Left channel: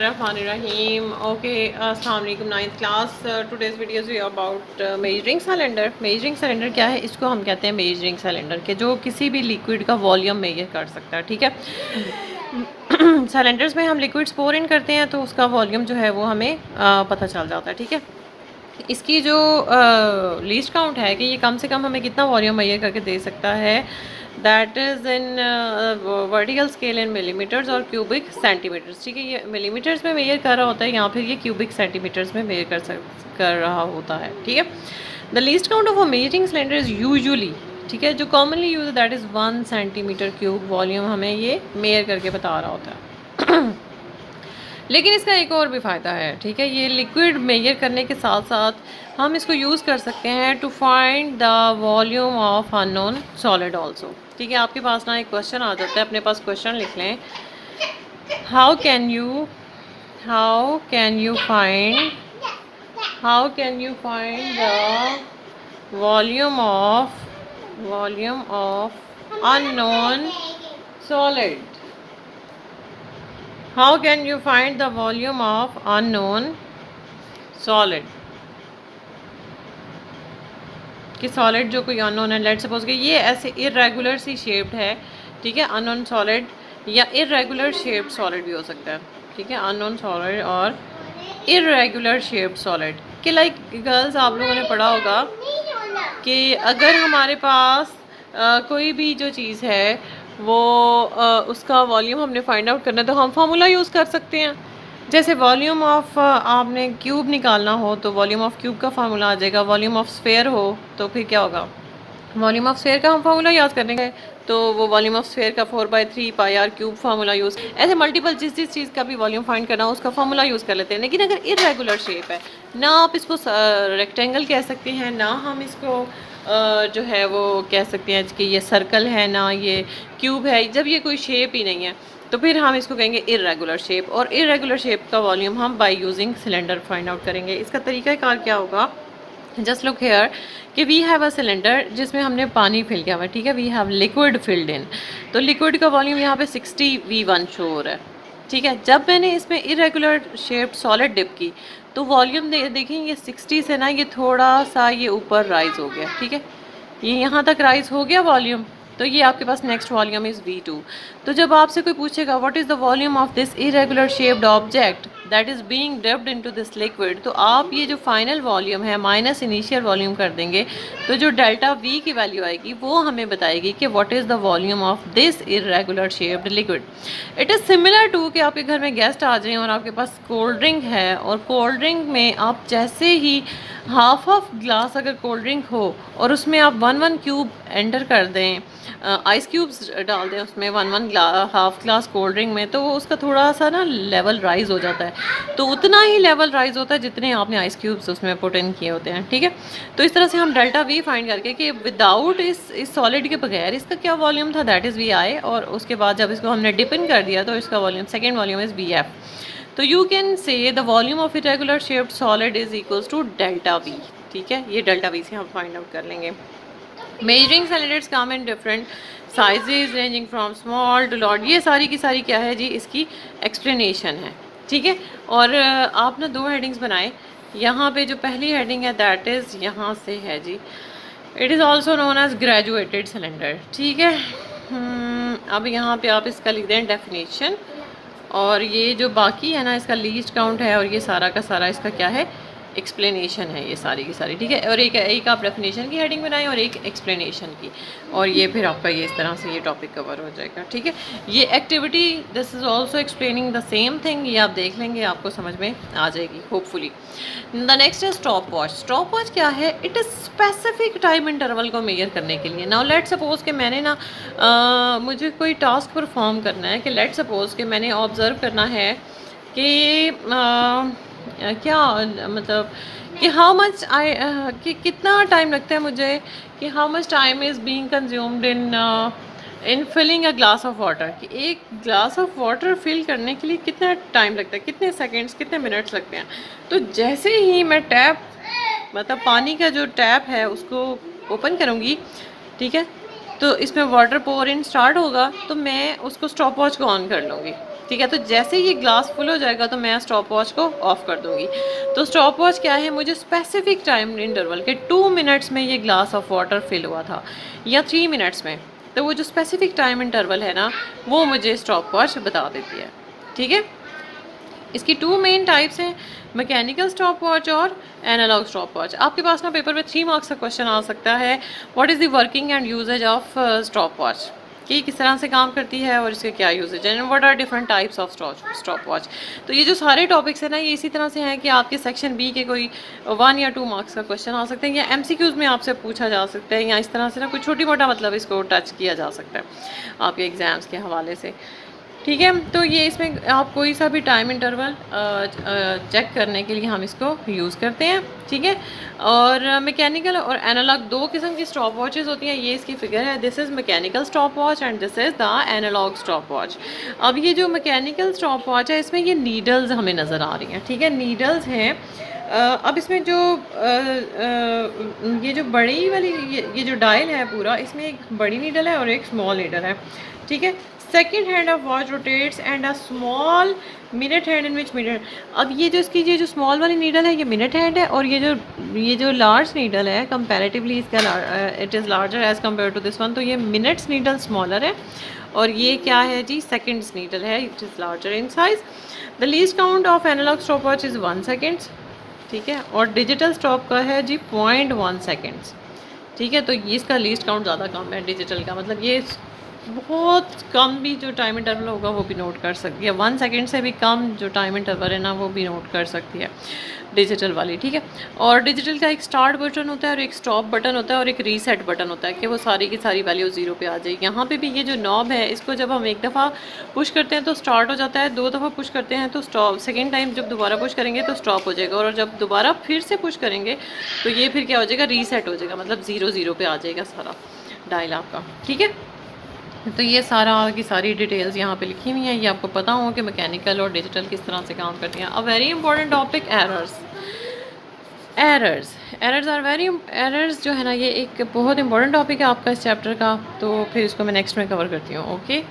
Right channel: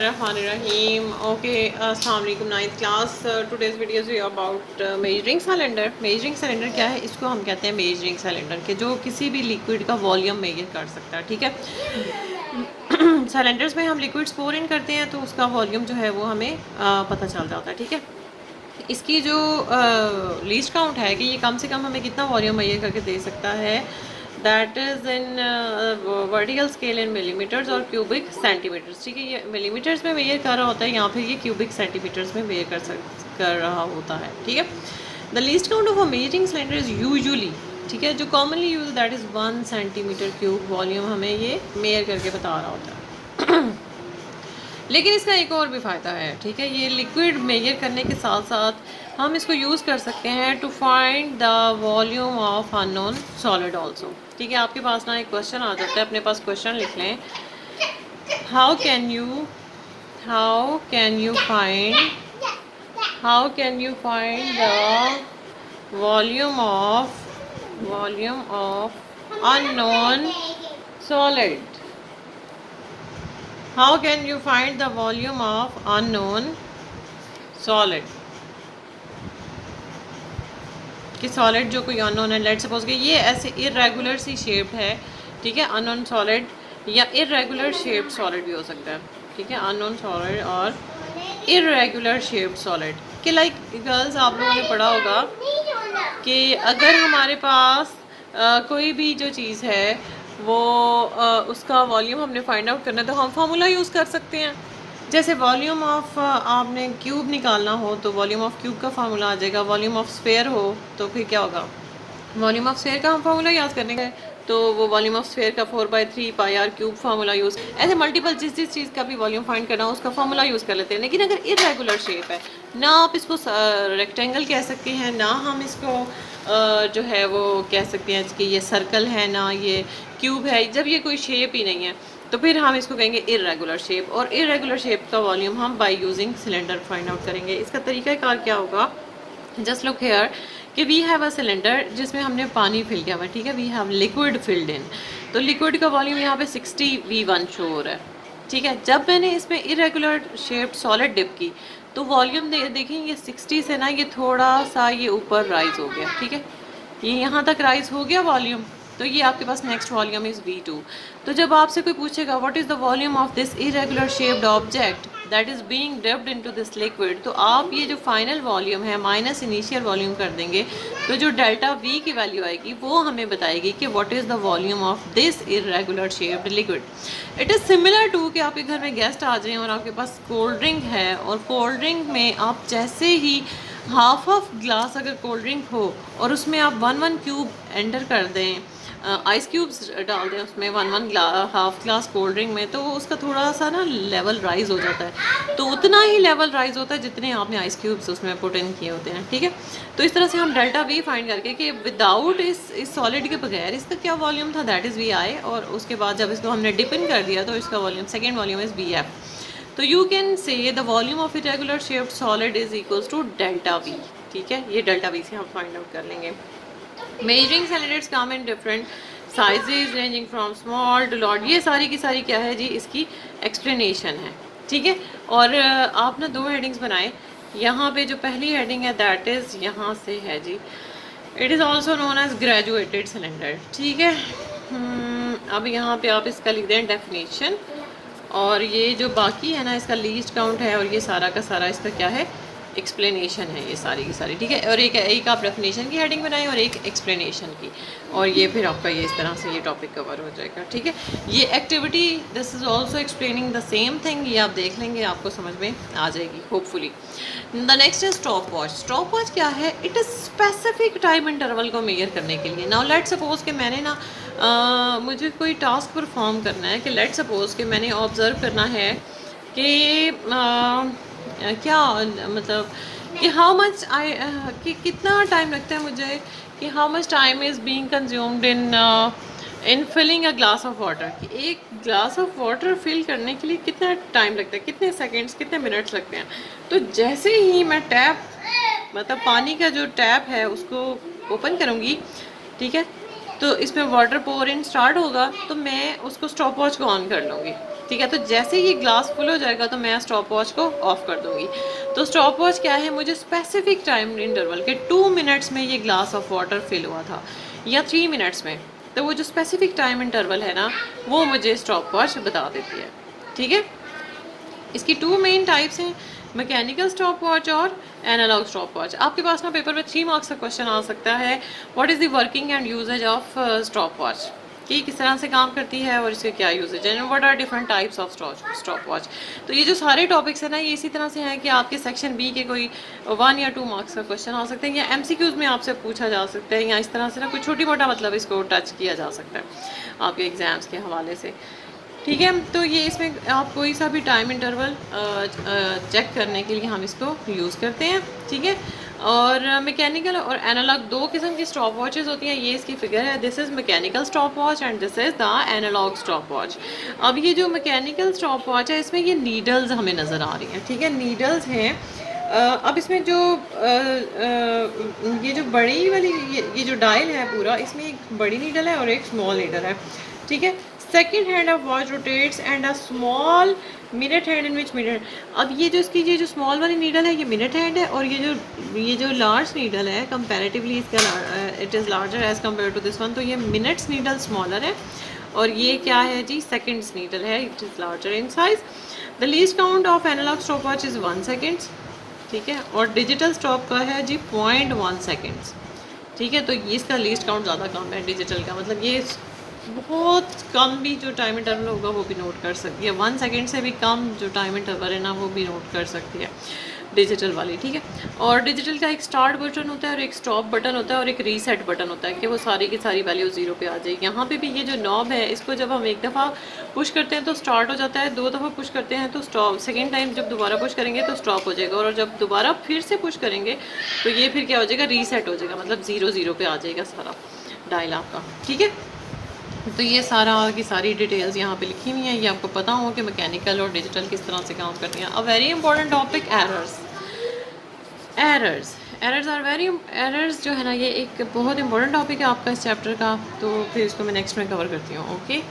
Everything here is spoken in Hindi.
Rahim. Okay, Assalamu alaikum. Ninth class. Today's video is about measuring cylinder. Measuring cylinder क्या है? इसको हम कहते हैं measuring cylinder के जो किसी भी लिक्विड का वॉल्यूम मेजर कर सकता है, ठीक है। सिलेंडर्स में हम लिक्विड्स पोर इन करते हैं तो उसका वॉल्यूम जो है वो हमें पता चल जाता है, ठीक है। इसकी जो लीस्ट काउंट है कि ये कम से कम हमें कितना वॉल्यूम मेजर करके दे सकता है, that is in vertical scale in millimetres और क्यूबिक सेंटीमीटर्स, ठीक है। ये मिलीमीटर्स में मेजर कर रहा होता है या फिर ये क्यूबिक सेंटीमीटर्स में मेजर कर रहा होता है, ठीक है। The least count of a measuring cylinder is usually, ठीक है, जो commonly use that is 1 centimetre cube volume हमें ये मेजर करके बता रहा होता है। लेकिन इसका एक और भी फ़ायदा है, ठीक है। ये लिक्विड मेजर करने के साथ साथ हम इसको यूज़ कर सकते हैं to find the volume of unknown solid also, ठीक है। आपके पास ना एक क्वेश्चन आ जाता है, अपने पास क्वेश्चन लिख लें। How can you find the volume of unknown solid? How can you find the volume of unknown solid? कि सॉलिड जो कोई अननोन है, लेट सपोज कि ये ऐसे इरेगुलर सी शेप्ड है, ठीक है। अननोन सॉलिड या इरेगुलर शेप्ड सॉलिड भी हो सकता है, ठीक है। अननोन सॉलिड और इरेगुलर शेप्ड सॉलिड कि लाइक गर्ल्स आप लोगों ने पढ़ा होगा कि अगर हमारे पास कोई भी जो चीज़ है वो उसका वॉल्यूम हमने फाइंड आउट करना है तो हम फार्मूला यूज़ कर सकते हैं। जैसे वॉल्यूम ऑफ आपने क्यूब निकालना हो तो वॉल्यूम ऑफ क्यूब का फार्मूला आ जाएगा। वॉल्यूम ऑफ स्फेयर हो तो फिर क्या होगा, वॉल्यूम ऑफ स्फेयर का हम फार्मूला याद करेंगे तो वो वॉल्यूम ऑफ स्फेयर का 4/3 पाई आर क्यूब फार्मूला यूज़, ऐसे मल्टीपल जिस चीज़ का भी वॉल्यूम फाइंड करना हो उसका फार्मूला यूज़ कर लेते हैं। लेकिन अगर इरेगुलर शेप है, ना आप इसको रेक्टेंगल कह सकते हैं, ना हम इसको जो है वो कह सकते हैं कि ये सर्कल है, ना ये क्यूब है, जब ये कोई शेप ही नहीं है तो फिर हम इसको कहेंगे इरेगुलर शेप। और इरेगुलर शेप का वॉल्यूम हम by using cylinder find out करेंगे। इसका तरीकाकार क्या होगा, जस्ट लुक हेयर कि वी हैव अ सिलेंडर जिसमें हमने पानी फिल किया हुआ है, ठीक है। We have liquid filled in, तो लिक्विड का वॉल्यूम यहाँ पे 60 V1 शो हो रहा है, ठीक है। जब मैंने इसमें इरेगुलर शेप्ड सॉलिड डिप की तो वॉल्यूम देखें ये 60 से ना ये थोड़ा सा ये ऊपर राइज हो गया, ठीक है। ये यहाँ तक राइज हो गया वॉल्यूम, तो ये आपके पास नेक्स्ट वॉल्यूम इज़ V2। तो जब आपसे कोई पूछेगा what is the volume of this irregular shaped object that is being dipped into this liquid, तो आप ये जो फाइनल वॉल्यूम है माइनस इनिशियल वॉल्यूम कर देंगे तो जो डेल्टा V की वैल्यू आएगी वो हमें बताएगी कि what is the volume of this irregular shaped liquid. It is similar to कि आपके घर में गेस्ट आ जाएं और आपके पास कोल्ड ड्रिंक है और कोल्ड ड्रिंक में आप जैसे ही हाफ ऑफ ग्लास अगर कोल्ड ड्रिंक हो और उसमें आप 1 क्यूब एंटर कर दें, आइस क्यूब्स डाल दें उसमें 1 हाफ ग्लास कोल्ड ड्रिंक में, तो उसका थोड़ा सा ना लेवल राइज हो जाता है। तो उतना ही लेवल राइज होता है जितने आपने आइस क्यूब्स उसमें पुट इन किए होते हैं, ठीक है। तो इस तरह से हम डेल्टा V फाइंड करके कि विदाउट इस सॉलिड के बगैर इसका क्या वॉल्यूम था दैट इज़ VI, और उसके बाद जब इसको हमने डिप इन कर दिया तो इसका volume second volume is VF। तो you can say the volume of irregular shaped solid is equals to delta V, ठीक है। ये डेल्टा V से हम फाइंड आउट कर लेंगे। Measuring cylinders come in different sizes ranging from small to large, ये सारी की सारी क्या है जी, इसकी एक्सप्लेनेशन है, ठीक है। और आप ना 2 हेडिंग्स बनाए। यहाँ पे जो पहली हेडिंग है दैट इज़ यहाँ से है जी, it is also known as graduated cylinder, ठीक है। अब यहाँ पे आप इसका लिख दें डेफिनेशन, और ये जो बाकी है ना इसका लीस्ट काउंट है, और ये सारा का सारा इसका क्या है, एक्सप्लेनेशन है ये सारी की सारी, ठीक है। और एक आप डेफिनेशन की हेडिंग बनाएं और एक एक्सप्लेनेशन की, और ये फिर आपका ये इस तरह से ये टॉपिक कवर हो जाएगा, ठीक है। ये activity this is also explaining the same thing, ये आप देख लेंगे आपको समझ में आ जाएगी होपफुली। द नेक्स्ट है स्टॉप वॉच। स्टॉप वॉच क्या है, it is specific time interval को मेजर करने के लिए। नाउ लेट सपोज कि मैंने ना मुझे कोई टास्क परफॉर्म करना है, कि लेट सपोज कि मैंने ऑब्ज़र्व करना है कि क्या मतलब कि हाउ मच कि कितना टाइम लगता है मुझे, कि how much time is being consumed in filling a glass of water, कि एक ग्लास ऑफ वाटर फिल करने के लिए कितना टाइम लगता है, कितने सेकंड्स कितने मिनट्स लगते हैं। तो जैसे ही मैं टैप मतलब पानी का जो टैप है उसको ओपन करूँगी, ठीक है, तो इसमें वाटर पोर इन स्टार्ट होगा तो मैं उसको स्टॉप वॉच को ऑन कर लूँगी। ठीक है, तो जैसे ही ये ग्लास फुल हो जाएगा तो मैं स्टॉप वॉच को ऑफ कर दूँगी। तो स्टॉप वॉच क्या है, मुझे स्पेसिफिक टाइम इंटरवल के 2 मिनट्स में ये ग्लास ऑफ वाटर फिल हुआ था या 3 मिनट्स में, तो वो जो स्पेसिफिक टाइम इंटरवल है ना, वो मुझे स्टॉप वॉच बता देती है। ठीक है, इसकी 2 मेन टाइप्स हैं, मैकेनिकल स्टॉप वॉच और एनालॉग स्टॉप वॉच। आपके पास ना पेपर में 3 मार्क्स का क्वेश्चन आ सकता है, what is the working and uses of stopwatch, कि किस तरह से काम करती है और इसके क्या यूजेज हैं, what are different types of stopwatch. तो ये जो सारे टॉपिक्स हैं ना, ये इसी तरह से हैं कि आपके सेक्शन बी के कोई 1 या 2 मार्क्स का क्वेश्चन आ सकते हैं, या एमसीक्यूज में आपसे पूछा जा सकता है, या इस तरह से ना कोई छोटी मोटा मतलब इसको टच किया जा सकता है आपके एग्ज़ाम्स के हवाले से। ठीक है, तो ये इसमें आप कोई सा भी टाइम इंटरवल चेक करने के लिए हम इसको यूज़ करते हैं। ठीक है, और मैकेनिकल और एनालॉग 2 किस्म की स्टॉप वॉचेस होती हैं। ये इसकी फिगर है, this is mechanical stopwatch and this is the analogue stopwatch. अब ये जो मैकेनिकल स्टॉप वॉच है, इसमें ये नीडल्स हमें नज़र आ रही हैं। ठीक है, नीडल्स हैं। अब इसमें जो ये जो बड़ी वाली ये जो डायल है पूरा, इसमें एक बड़ी नीडल है और एक स्मॉल नीडल है। ठीक है, second hand of watch rotates and a small minute hand in which minute. अब ये जो इसकी ये जो स्मॉल वाली नीडल है, ये मिनट हैंड है, और ये जो लार्ज नीडल है कंपैरेटिवली इसका it is larger as compare to this one, तो ये मिनट्स नीडल स्मॉलर है, और ये क्या है जी, सेकेंड्स नीडल है, it is larger in size. The least count of analogue stopwatch is 1 seconds. ठीक है, और डिजिटल स्टॉप का है जी 0.1 सेकेंड्स। ठीक है, तो ये इसका लीस्ट काउंट ज़्यादा कम है डिजिटल का, मतलब ये बहुत कम भी जो टाइम इंटरवल होगा वो भी नोट कर सकती है, 1 सेकेंड से भी कम जो टाइम इंटरवल है ना वो भी नोट कर सकती है डिजिटल वाली। ठीक है, और डिजिटल का एक स्टार्ट बटन होता है और एक स्टॉप बटन होता है और एक रीसेट बटन होता है कि वो सारी की सारी वैल्यू 0 पे आ जाएगी। यहाँ पे भी ये जो नॉब है, इसको जब हम एक दफ़ा पुश करते हैं तो स्टार्ट हो जाता है, 2 दफ़ा पुश करते हैं तो स्टॉप, सेकेंड टाइम जब दोबारा पुश करेंगे तो स्टॉप हो जाएगा, और जब दोबारा फिर से पुश करेंगे तो ये फिर क्या हो जाएगा, रीसेट हो जाएगा, मतलब 0 पे आ जाएगा सारा डायल आपका। ठीक है, तो ये सारा की सारी डिटेल्स यहाँ पे लिखी हुई हैं, ये आपको पता हो कि मैकेनिकल और डिजिटल किस तरह से काम करती हैं। A very important topic, errors. Errors जो है ना, ये एक बहुत इंपॉर्टेंट टॉपिक है आपका इस चैप्टर का, तो फिर इसको मैं नेक्स्ट में कवर करती हूँ। ओके।